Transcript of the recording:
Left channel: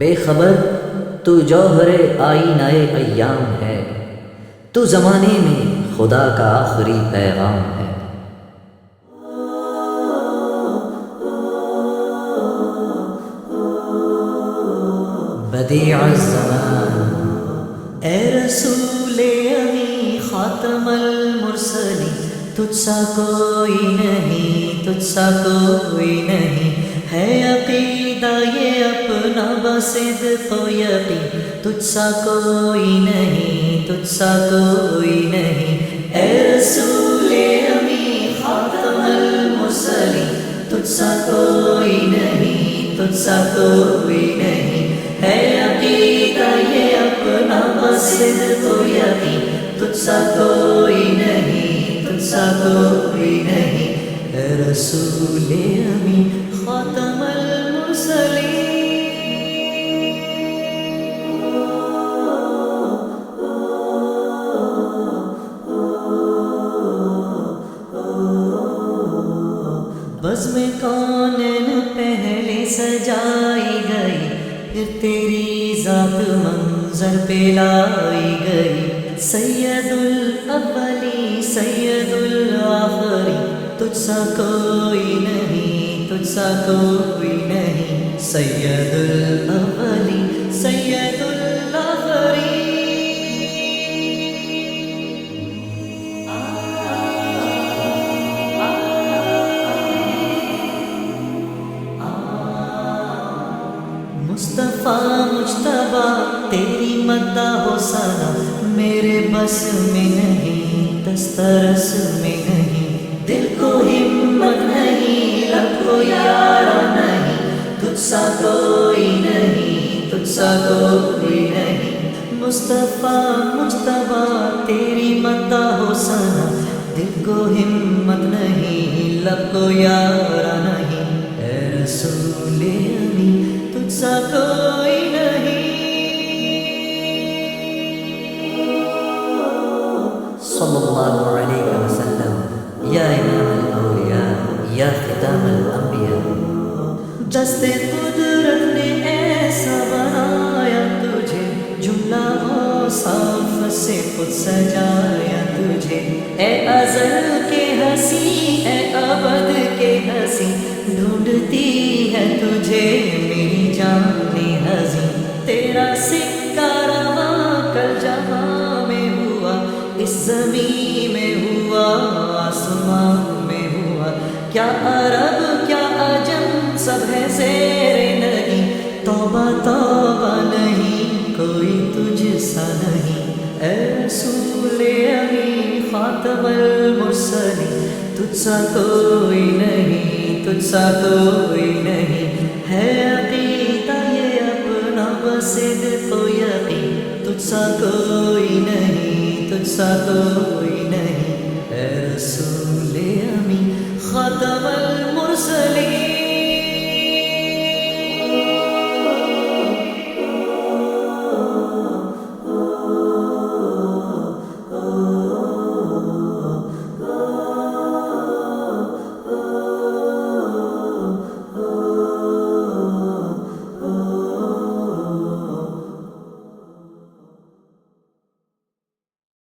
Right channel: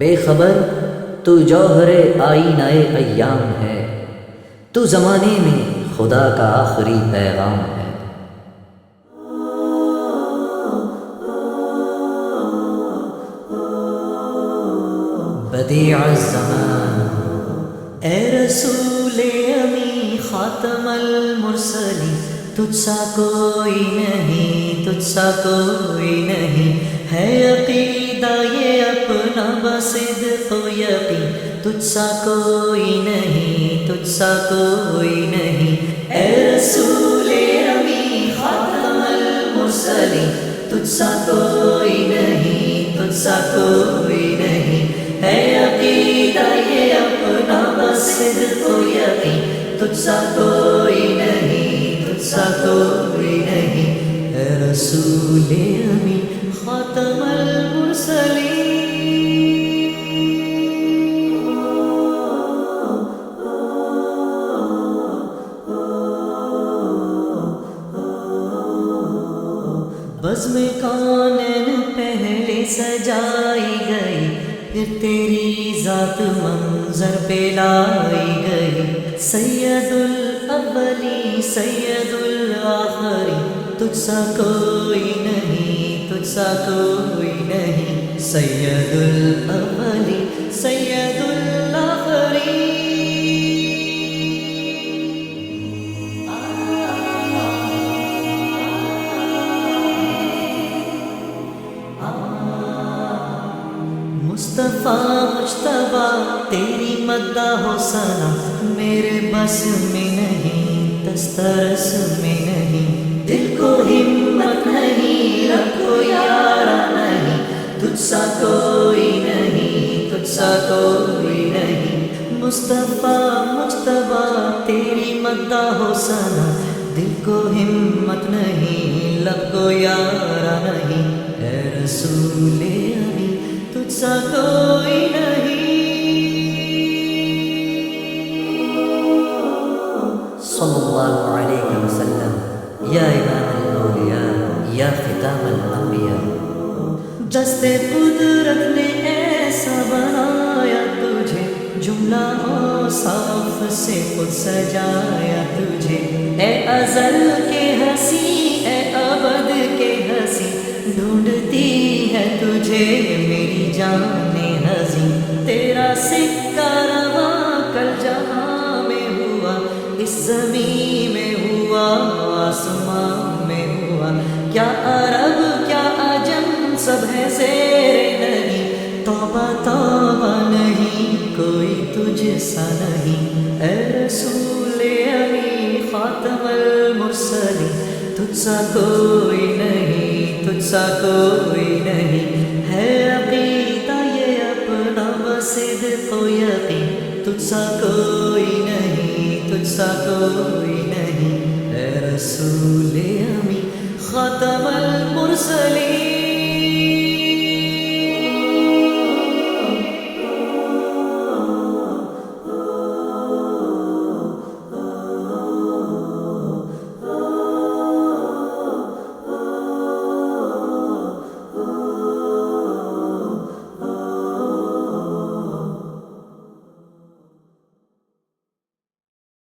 بے خبر تو جوہر آئینہ ایام ہے، تو زمانے میں خدا کا آخری پیغام ہے۔ بدیع الزمان، اے رسول امی خاتم المرسلین، تجھ سا کوئی نہیں، تجھ سا کوئی نہیں، ہے عقیدہ یہ اپنا بصدق و یقین، تجھ سا کوئی نہیں، تجھ سا کوئی نہیں، اے رسول امی خاتم المرسلین، تجھ سا کوئی نہیں، تجھ سا کوئی نہیں، ہے عقیدہ یہ اپنا بصدق و یقین، تجھ سا کوئی نہیں، تجھ سا کوئی نہیں، اے رسول امی خاتم المرسلین۔ بزم کونین پہلے سجائی گئی، پھر تیری ذات منظر پہ لائی گئی، سید الاولی سید الآخری، تجھ سا کوئی نہیں، تجھ سا کوئی نہیں، سید الاولی سید الآخری۔ مصطفیٰ مجتبیٰ تیری مدح و ثنا میرے بس میں نہیں، دسترس میں نہیں، دل کو ہمت نہیں، رب کو یارہ نہیں، تجھ سا کوئی نہیں، تجھ سا کوئی نہیں، مصطفیٰ مجتبیٰ تیری مدح و ثنا دل کو ہمت نہیں، لب کو یارہ نہیں، اے رسول امی تجھ سا کوئی نہیں۔ صلی اللہ علیہ وسلم یا امام الاولیاء یا ختام الانبیاء، دست قدرت نے ایسا بنایا تجھے، جملہ اوصاف سے خود سجایا تجھے، اے ازل کے ہنسی اے ابد کے ہنسی، ڈھونڈتی ہے تجھے میری جان ہنسی، تیرا سکہ رواں کل جہاں میں ہوا، اس زمین میں ہوا، آسمان میں ہوا، کیا عرب کیا عجم سب ہے زیر نگی، توبہ توبہ نہیں کوئی تجھ سا نہیں، اے رسول امی خاتم المرسلین، تجھ سا کوئی نہیں، تجھ سا کوئی نہیں، ہے عقیدہ یہ اپنا بصدق و یقین، تجھ سا کوئی نہیں، تجھ سا کوئی نہیں، اے رسول امی خاتم المرسلین۔